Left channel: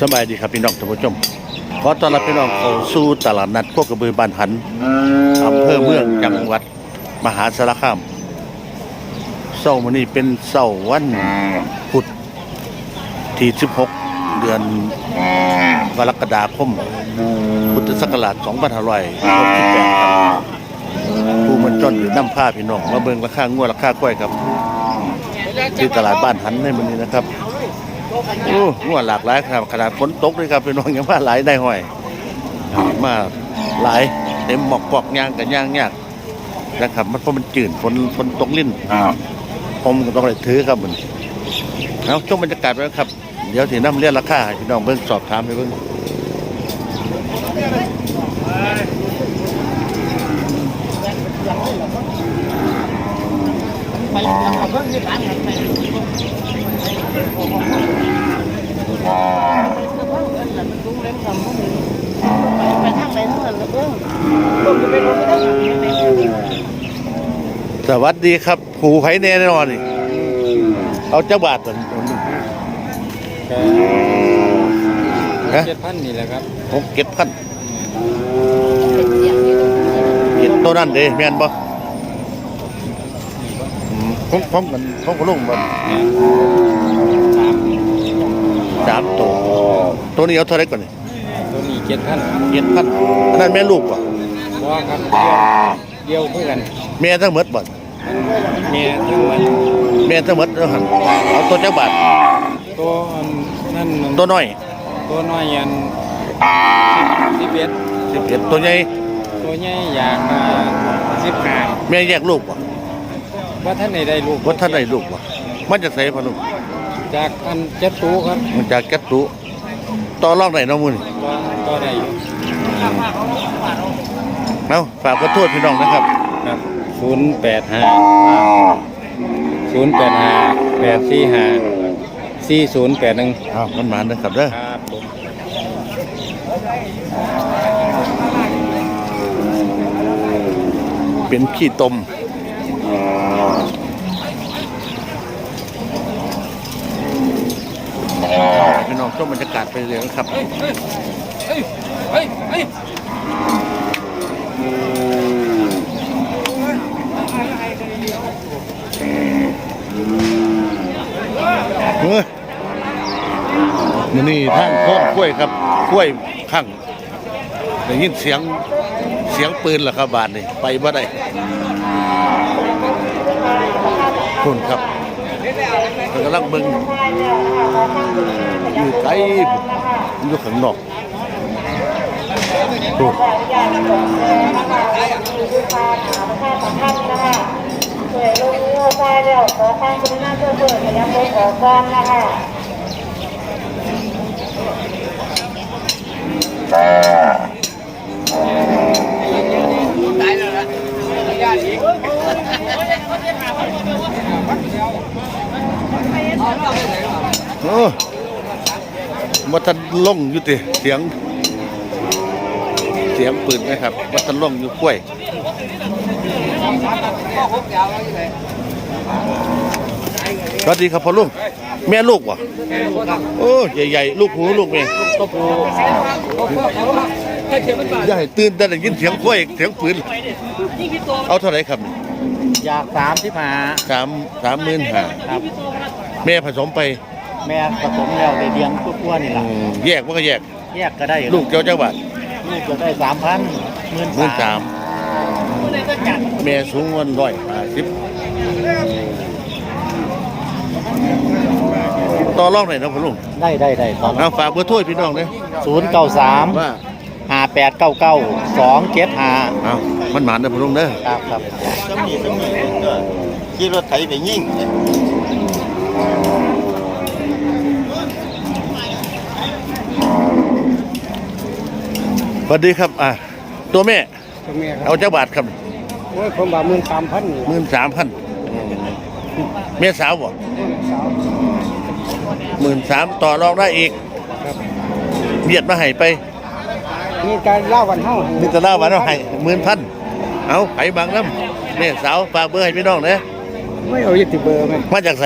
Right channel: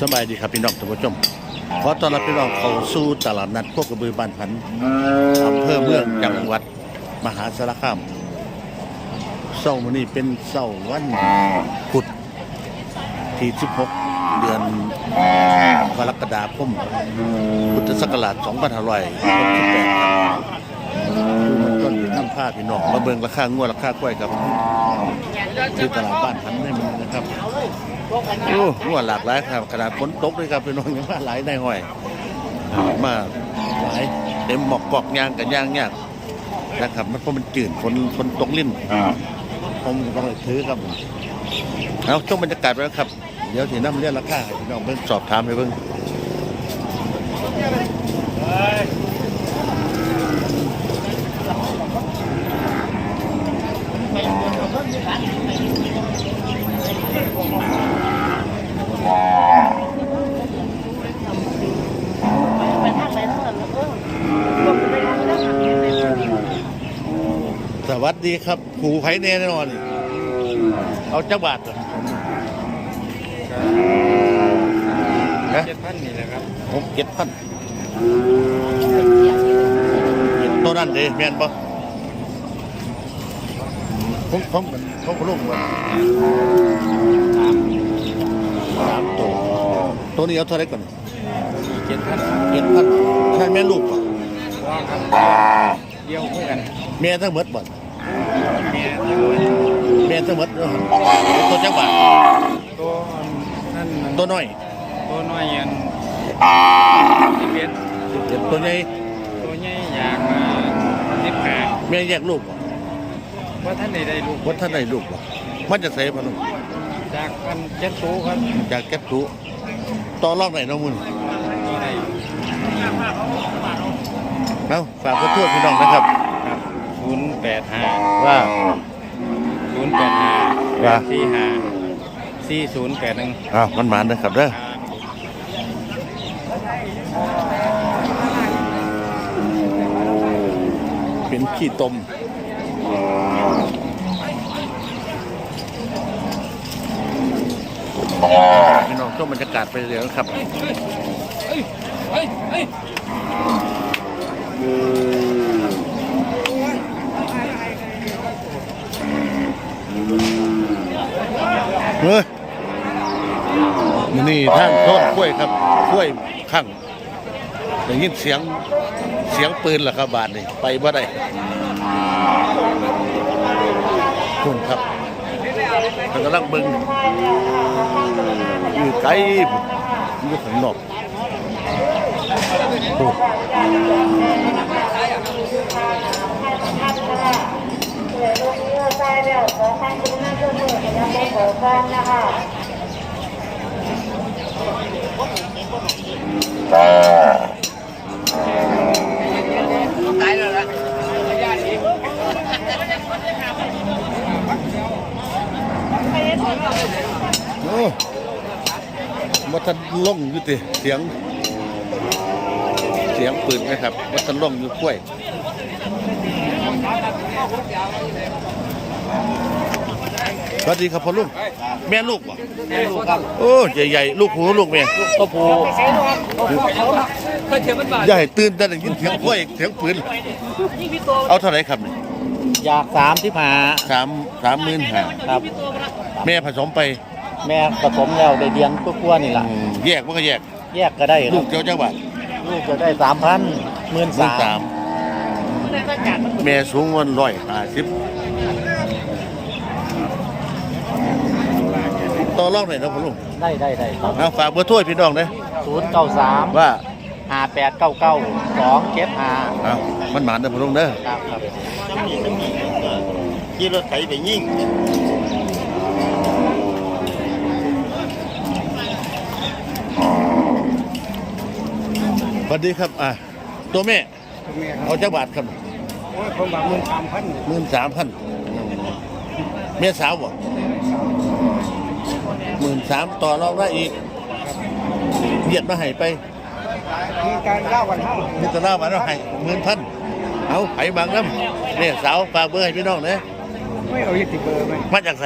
สบายดีครับพี่น้องท่านผู้ชมขอต้อนรับพี่น้องเข้าสู่ตลาดนัดโคกระบือบ้านหันอำเภอเมืองจังหวัดมหาสารคามเสาร์มื้อนี้เป็นเสาร์วันพุธที่ 16 เดือนกรกฎาคมพุทธศักราช2568ครับผู้มันต้นหรือน้ำผ้าพี่น้องมาเบิ่งราคางวดราคากล้วยครับ ที่ตลาดบ้านหันในมื้อนี้นะครับ โอ้งวหลากหลายครับขนาดฝนตกเลยครับพี่น้องยังว่าหลายได้ห้อยอ่ามาหลายเต็มหมอกปอกยางกับยางยากนะครับมันเพราะมันจืดฝนฝนตกลิ้นผมก็ต้องไปถือครับมันเอาช่วงบรรยากาศไปแล้วครับ เดี๋ยวสีน้ำเรียกราคาให้พี่น้องเบิ่งสอบถามให้เบิ่ง สวัสดีครับผูไผ่แน่นอนนี่เอาเจ้าบาทตัวนี้เจ็ดพันนี่แหละครับผมเก็บพันเก็บตัวนั้นเด้แม่นบ่อืมผมผมมันผมก็ลงมันสามตัวตัวนี้เอาเท่าไหรก่อนนี่ตัวนี้เจ็ดพันเจ็ดพันอันนั้นแม่ลูกป่ะพอครับเดียวเพื่อกัน แม่ทั้งหมดบ่เมียทั้งแม่ทั้งหมดเอาหันเอาตัวเจ้าบาทตัวนั่นตัวน้อย ตัวน้อยยันสิบเอ็ดสิบเอ็ดตัวใหญ่ตัวใหญ่อยากสิบห้าแม่แยกลูกป่ะว่าท่านไหนได้ลูกว่าท่านได้ลูกป่ะมันจะใส่พะลุงจากอันเจ็ดตูครับมันจากแก๊สตุต่อรองไหนน้องมุนตัวตัวใดเอาฝากขอโทษพี่น้องนะครับครับ ศูนย์แปดห้าว่าศูนย์แปดห้าแปดสี่ห้าสี่ศูนย์แปดหนึ่งอ้าวมันหมานนะครับเด้อครับผมเป็นขี้ตมพี่น้องชมบรรยากาศไปเรื่อยๆนะครับ เฮ้ย เฮ้ย เฮ้ย มันนี่ทางโทษกล้วยครับกล้วยข้างได้ยินเสียงเสียงปืนเหรอครับบาทนี่ไปบ่ได้คุณครับเขากำลังเบิ่งอยู่ไกลพุ่นอยู่ข้างนอกพูด ยวก่นนะคะตายแล้วล่ะไม่ยากอีกโอ้มัทันล่องอยู่ติเสียง เสียงปืนไหมครับมัทันล่องอยู่กล้วย สวัสดีครับพ่อลุงแม่ลูกวะโอ้ใหญ่ๆลูกหูลูกแม่ตัวผู้อย่าให้ตื่นแต่ได้ยินเสียงกล้วยเสียงปืนเอาเท่าไหร่ครับนี่อยากสามสิบห้าสามสามหมื่นห้าครับแม่ผสมไป แม่ผสมแล้วได้เดือนกว่าๆนี่อืล่ะมแยกมันก็แยก แยกก็ได้ลูกเจ้าเจ้าบาทลูกจะได้สามพันหมื่นหมื่นสามแม่สูงวันร้อยห้าสิบ ต่อรองหน่อยนะพ่อลุงได้ได้ได้เอาฝากเบอร์โทรให้พี่น้องนะศูนย์เก้าสามว่าห้าแปดเก้าเก้าสองเจ็ดห้าเอามันหมานนะพ่อลุงเด้อครับครับขี่รถไถไปยิ่งสวัสดีครับอะตัวแม่คุณแม่ครับเอาเจ้าบาทครับโอ้ยผมว่าหมื่นสามพันนี่หมื่นสามพันแม่สาวบ่ หมื่นสามต่อรองได้อีกเบียดมาให้ไปมีการเล่ากันเท่านี่จะเล่ามาแล้วให้หมื่นพันเอาไผ่บางน้ำแม่สาวฝากเบอร์ให้พี่น้องนะไม่เอายึดติเบอร์ไหมมาจากใส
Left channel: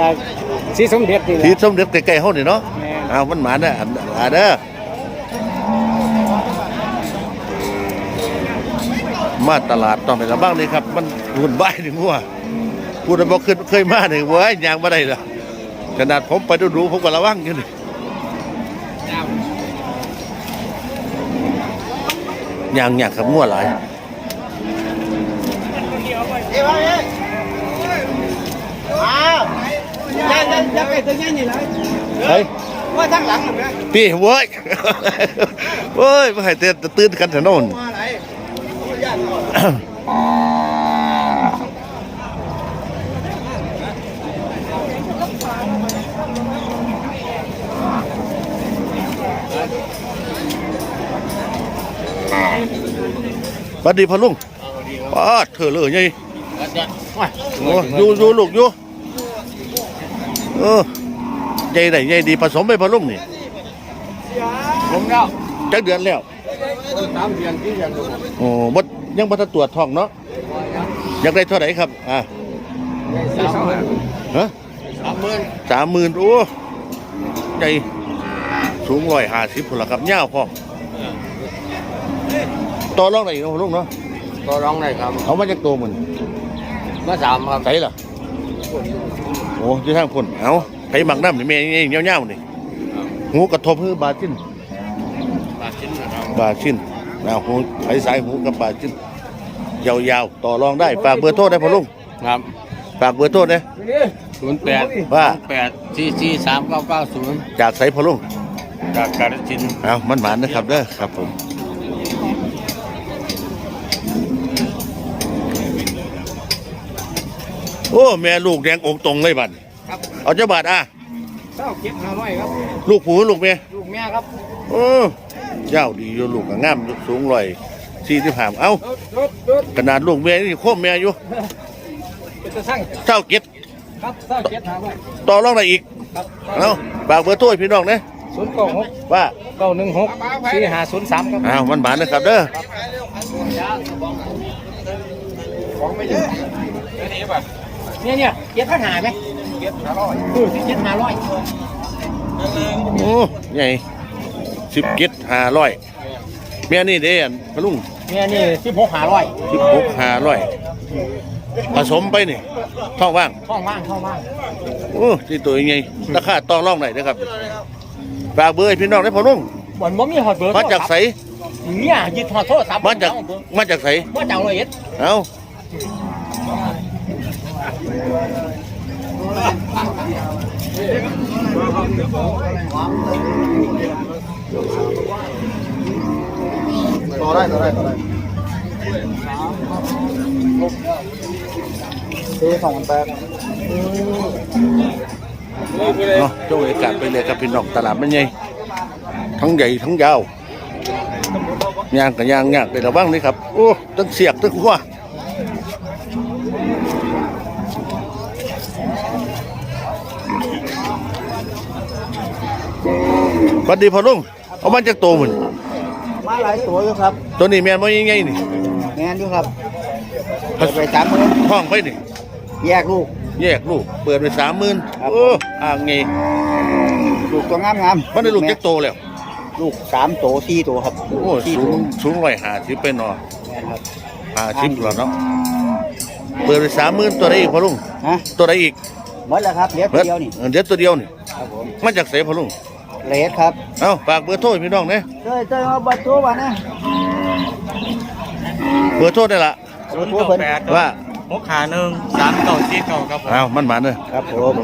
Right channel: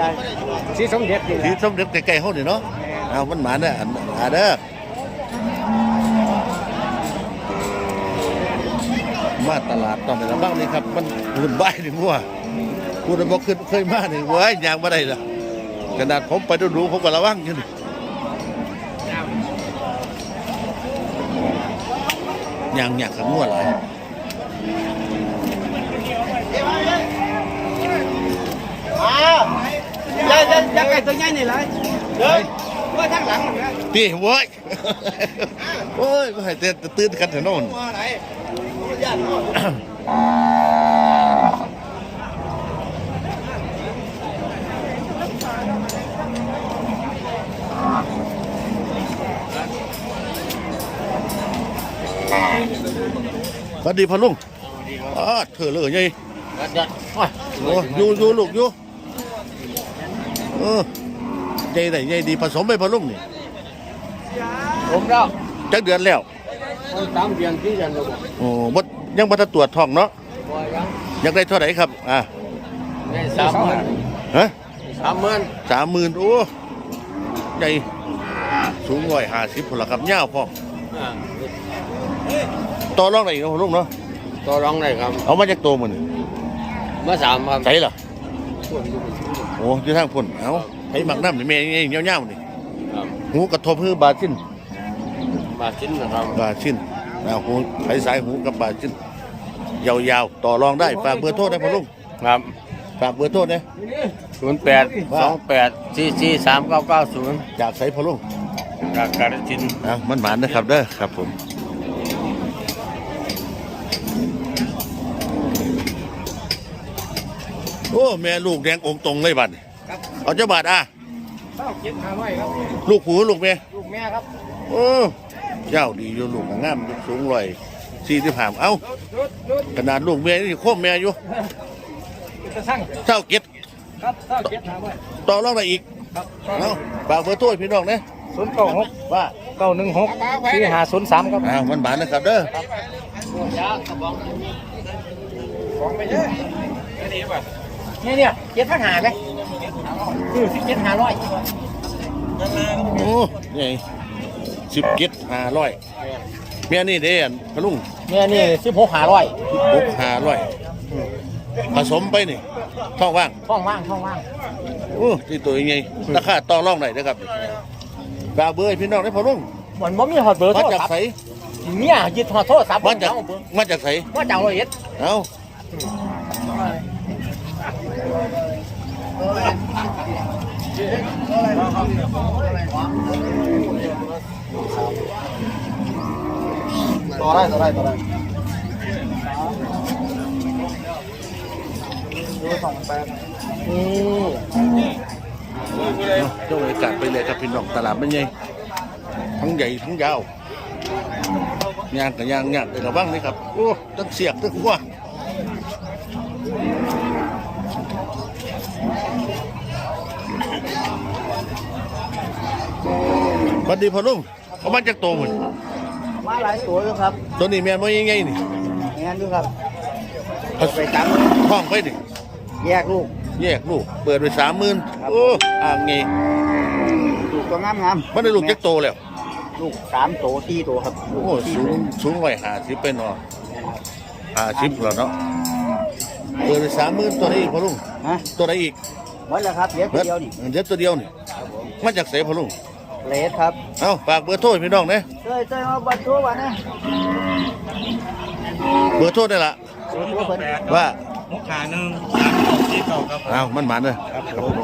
จากสีสมเด็จนี่ทีสมเด็จใกล้ๆเฮานี่เนาะแม่เอามันหมาเด้ออันอันเด้อมาตลาดต้องไประบ้างนี่ครับ มันหุ่นใบายหนึ่งหัวพูดบอกขึ้นเคยมาหนึ่งเว้ยยางมาได้ละ ขนาดผมไปดูดูผมก็ระวังอยู่นี่ยางยางกับงัวหลายยักยักไก่ตัวใหญ่นี่ไรเฮ้ยว่าทางหลังนไหมพี่เว้ยเว้ยไม่ให้เตือนตื่นกันถนน สวัสดีพ่อลุงป้าดเธอเลยไงโอ้อยู่อยู่ลูกอยู่เออใหญ่ได้ใหญ่ดีผสมไปพ่อลุงนี่ผมก็จักเดือนแล้วคนสามเดือนที่ยังหมดอะโอ้บดยังบ่ทันตรวจท้องเนาะอยากได้เท่าไหร่ครับ อ่าได้สามหมื่นฮะสามหมื่นสามหมื่นโอ้ใหญ่สูงร้อยห้าสิบพนละครับยาวพร้อม ต่อรองได้อีกเนาะพ่อลุงเนาะก็ร้องได้ครับเอามาจากตัวมันเมื่อสามครับใส่ล่ะโอ้อยู่ทางพุ่นเอาไปหมักน้ำนี่แม่นี่เงี้ยวๆนี่หูกระทบคือบาดชิ้นบาทชิ้นนะครับบาดชิ้นเอาหูไปสายหูกับบาดชิ้นยาวๆต่อรองได้ฝากเบอร์โทรได้พ่อลุงครับฝากเบอร์โทรได้ศูนย์แปดว่า แปดสี่สี่สามเก้าเก้าศูนย์จากใส่พ่อลุงจากกาฬสินธุ์ เอามันหมานนะครับเด้อครับผม โอ้แม่ลูกแดงองค์ตรงเลยบัดนี้ครับเอาเจ้าบาทอะเจ้าเก็บหาไว้ครับลูกผูลูกเมียลูกแม่ครับโอ้เจ้าดีอยู่ลูกก็งามยกสูงลอยสี่ที่ผ่ามเอ้ารถรถขนาดลูกเมียนี่โคมเมียอยู่เป็นตะสั่งเจ้าเก็ดครับเจ้าเก็บหาไว้ต่อรองได้อีกครับเอาฝากเบอร์โทรให้พี่น้องนะศูนย์เก้าหกว่าเก้าหนึ่งหกสี่ห้าศูนย์สามครับอ้าวมันหมานนะครับเด้อเนี่ยเนี่ยเจ็ดพันหาไหมเออเจ็ดหาร้อยโอ้ใหญ่สิบเก็ดห้าร้อยเมียนี่เด้อันพะลุงเนี่ยนี่สิบหกหาร้อยสิบหกห้าร้อยผสมไปนี่ท้องว่างช่องว่างช่องว่างโอ้ที่ตัวยังไงราคาต่อรองได้นะครับฝากเบอร์ให้พี่น้องได้พอลุงบ่อนบ่มีหอดเบอร์มาจากไสเนี่ยยึดหอดโทรศัพท์มาจากมาจากไสมาจากร้อยเอ็ดเอา ซื้อสองแปดเนาะเจ้าบรรยากาศไปเลยครับพี่น้องตลาดมันใหญ่ทั้งใหญ่ทั้งยาวยางกับยางยากเลยระวังนี่ครับ โอ้ตั้งเสียกตั้งหัว สวัสดีพ่อลุงเอามาจากตัวมันมาหลายตัวอยู่ครับตัวนี้แม่นว่ายังไงนี่งานอยู่ครับผสมท้องไปนี่แยกลูกแยกลูก เปิดไปสามหมื่นโอ้อ่างไงลูกตัวงามงามมันได้ลูกจักโตแล้ว ลูกสามตัวสี่ตัวครับโอ้สูงสูงร้อยห้าสิบเป็นเนาะห้าสิบแล้วเนาะเปิดไปสามหมื่นตัวไหนอีกพ่อลุงฮะตัวไหนอีกหมดแล้วครับเหลี้ยเบิดเดียวนี่เออเดี๋ยวตัวเดียวนี่มาจากไสพ่อลุง เลสครับเอาฝากเบอร์โทรให้พี่น้องเนี่ยเจ้ยเจ้ยเอาบัตรตัววะนะเบอร์โทรได้ละศูนย์เก้าแปดว่าหกขาหนึ่งสามเก้าสี่เก้าครับผม เอามันหมันเลยครับผม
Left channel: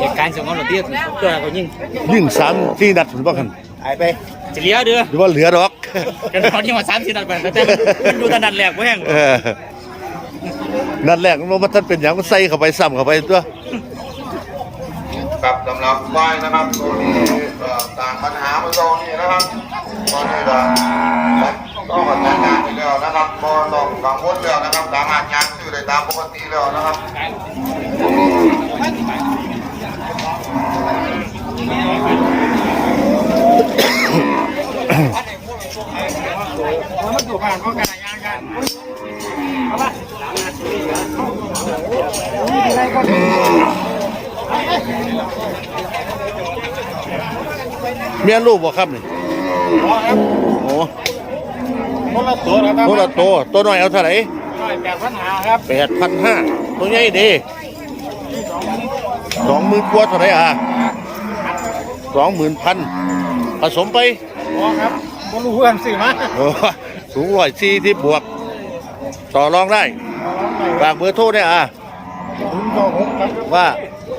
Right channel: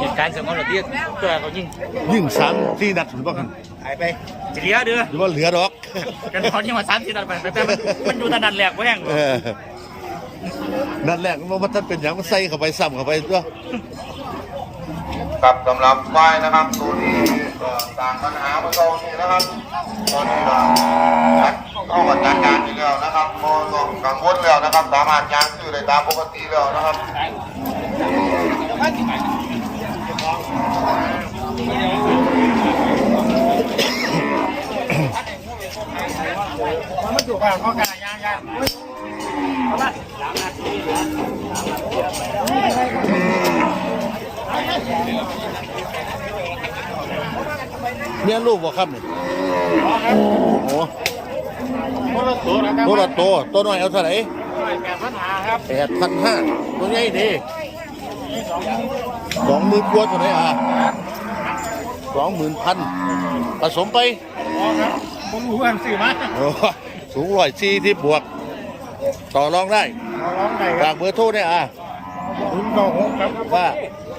เหตุการณ์สมองเราเตี้ยตัวเขายิ่งยิ่งสามที่นัดถึงบ้านกันหายไปจะเลี้ยเด้อหรือว่าเหลือดอก กันตอนที่มาสามสิบนัดไปแต่มันอยู่ตะนัดแหลกแว้ง เออ นัดแรกมันว่ามันเป็นอย่างมันใส่เข้าไปซ้ำเข้าไปตัวครับสำหรับไฟนะครับตัวนี้เอ่อต่างปัญหาเมื่อตอนนี้นะครับตอนนี้ก็จัดต้องกับจัดการอยู่แล้วนะครับพอต้องกังวลแล้วนะครับสามารถยางซื้อได้ตามปกติแล้วนะครับอะไรก็เมียลูกบ่ครับนี่ เมียนลูปบ่ครับนี่โอ้ตัวละตัตัวน้อยเอาเท่าไหร่แปดพันห้าตัวใหญ่ดีสองหมื่นกว่าเท่าไหร่อะสองหมื่นพันผสมไปครับรู้เพื่อนสินะสูงร้อยสี่ที่บวก ต่อรองได้ ฝากเบอร์โทรเนี่ยอะศูนย์เก้าหกครับว่า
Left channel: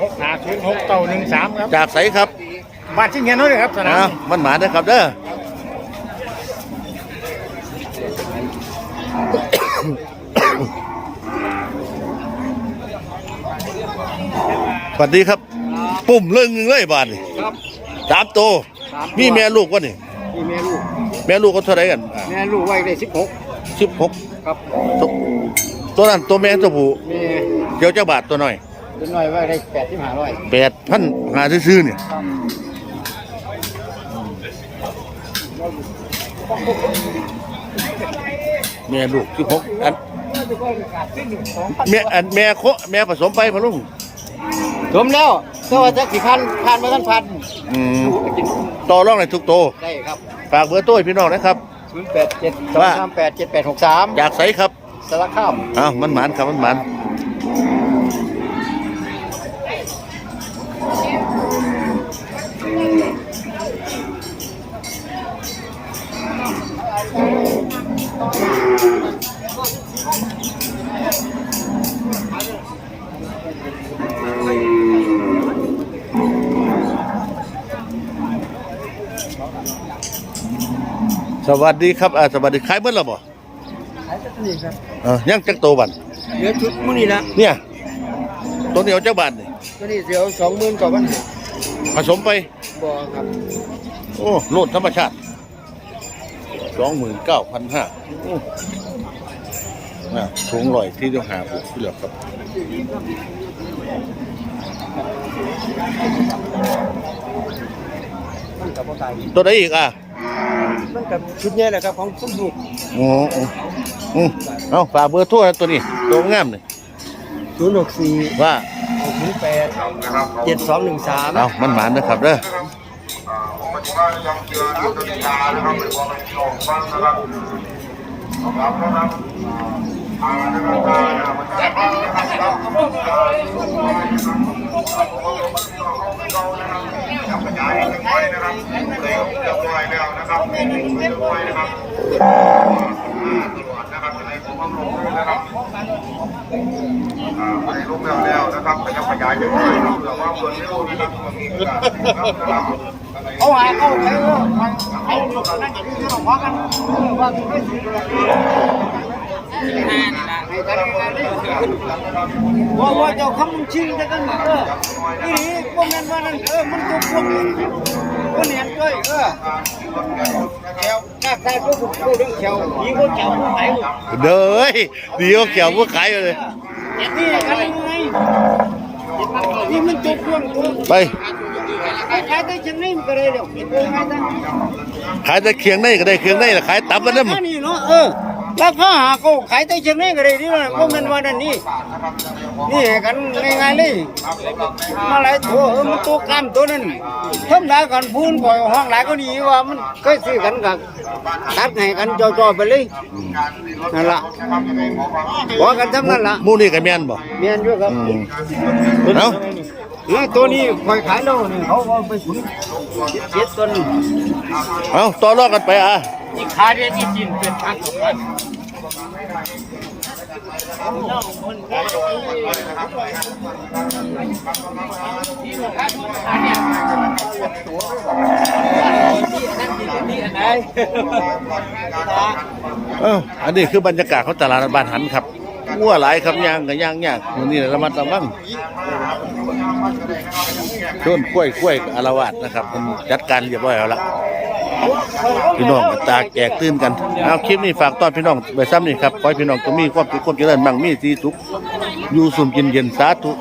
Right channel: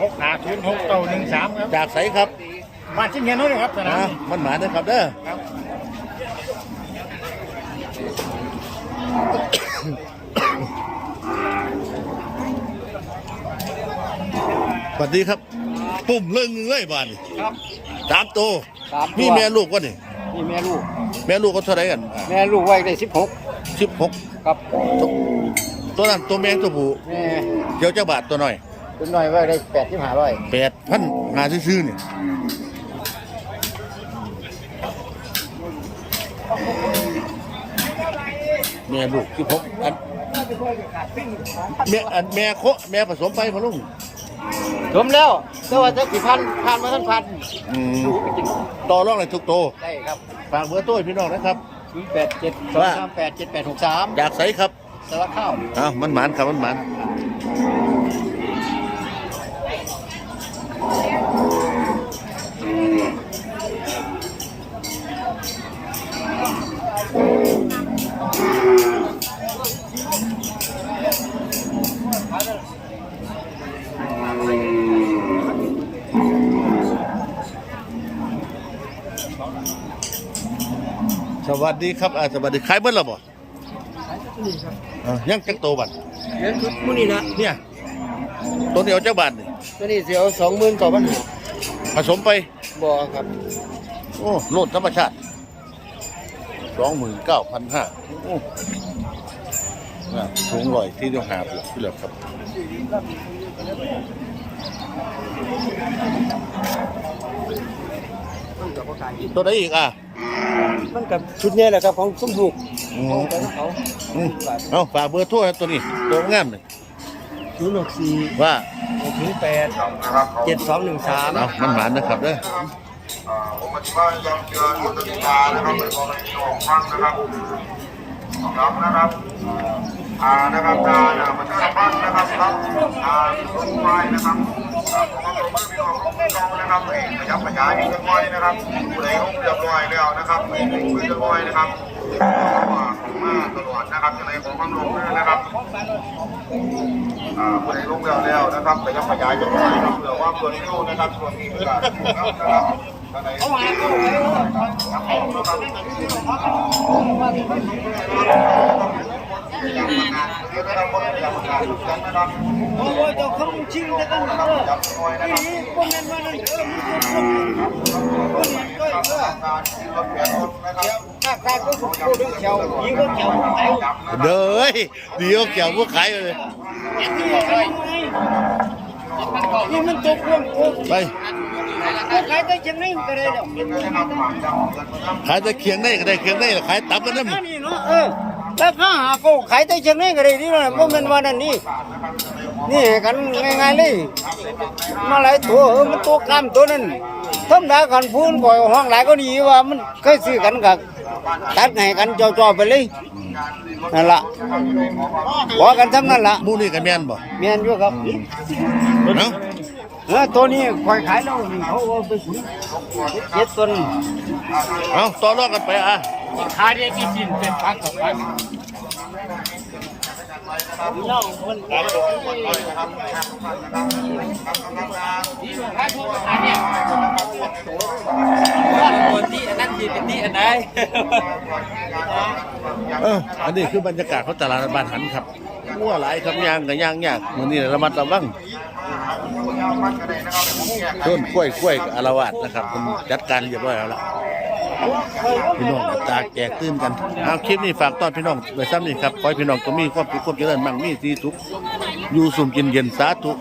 หกหาศูนย์หกเก้าหนึ่งสามครับจากไสครับบ้านชิ้นเงินน้อยเลยครับสนามนะนี่มันหมาเด้อครับเด้อสวัสดีครับ ปุ่มเรื่องหนึงเลยบาทนี่ครับ สามตัวมีแม่ลูกวะนี่นี่แม่ลูก แม่ลูกก็เท่าไหรกัน แม่ลูกไว้ได้สิบหกสิบหกครับ ตัวนั้นตัวแม่ตัวผู้แม่เดี๋ยวเจ้าบาทตัวหน่อยเป็นน้อยไว้ได้แปดที่หาร้อยแปดพันหาซื้อๆเนี่ยแม่ลูกสิบหกอันแม่อันแม่โคแม่ผสมไปพะลุงผมแล้วตัวจะกี่พันพันมาทั้งพันอืมต่อรองในทุกโตวได้ครับ ฝากเบอร์โต้ให้พี่น้องนะครับศูนย์แปดเจ็ดสองว่าสามแปดเจ็ดแปดหกสามอยากใส่ครับ สารคามอ้าวมันหมานครับมันหมานสวัสดีครับอ่าสวัสดีขายเมื่อไหร่บ่นี่ครับ เออยังจักโตบันเงินชุดมื้อนี้นะเนี่ย ตัวเดียวเจ้าบาทนี่ตัวนี้เสียวสองหมื่นกว่าพันผสมไป บ่ครับโอ้โลดธรรมชาติสองหมื่นเก้าพันห้าโอ้น่ะสูงลอยที่เดียวหาบวกที่เหลือครับ ตัวไหนอีกอะ มันกับชุดนี้แหละครับของสมบูรณ์โอ้โอ้อืมเอาฝากเบอร์โทั่วตัวนี้ตัวงามเลยศูนย์หกสี่ว่าหกศูนย์แปดเจ็ดสองหนึ่งสามเอามันหมานนะครับเด้อผมก็ยังเจออยู่ในยานะครับ เป็นความชอบฟังนะครับครับนะครับอ่านะครับอ่านะครับมันจะบ้านนะครับครับอ่าสุดท้ายนะครับอ่าผมก็ต้องพี่น้องของเรานะครับยังไม่ย้ายกันไปนะครับเรียบร้อยแล้วนะครับเรียบร้อยนะครับตลอดนะครับในของกำลังนะครับอ่าไปรูปแบบแล้วนะครับแต่ยังขยายกันไปเพื่อว่าเปิดรูนะครับส่วนนี้นะครับเขาหาเขาไปเออไอ้นี่นั่นอย่าง นี้เราพอกว่าว่าว่าเจ้าคำชิงแต่กันเอออีนี่พวกนั้นว่านั่นเออมันก็พวกพวกนี้ด้วยเออเขียวหน้าก็พวกพวกเรื่องเขียวยิงพวกเขียวพวกไหนเด้อเดี๋ยวเกี่ยวพวกขายเลยนี่ทำยังไงนี่มันตัวพวงตัวไปขายได้จังไงมันก็ได้เดี๋ยวขายแต่เคียงในก็ได้เคียงในขายตับมันนั่นอันนี้เนาะเออ ราคาหาก็ขายได้จังไงก็ได้ที่ว่าบ่แม่นว่านั่นนี่นี่กันง่ายๆเลยมาหลายตัวเออมันตัวกล้ามตัวนั้นธรรมดากันพูนก่อยห้องหลายก็ดีว่ามันเคยซื้อกันกับตัดให้กันจ่อๆไปเลยนั่นล่ะว่ากันทำนั่นล่ะหมูนี่กับแม่นบ่เมียนอยู่ครับอืมเอ้าว่าตัวนี้คอยขายแล้วนี่เขาว่าไปขุนเจ็ดตัวนึงเอาต่อรองกันไปอะ นี่ขายได้ที่จีนเป็นพักของมันเอ้าอันนี้คือบรรยากาศของตลาดบ้านหันครับงัวหลายครับย่างกับย่างยากมือนี้ระมัดระวังต้นกล้วยกล้วยอารวาสนะครับ มันจัดการเรียบร้อยแล้วละ พี่น้องก็ตาแจกตื่นกันเอาคลิปนี้ฝากต้อนพี่น้องไปซ้ำนี่ครับขอให้พี่น้องก็มีความสุขความเจริญมั่งมีสีสุขอยู่สุ่มกินเย็นสาธุ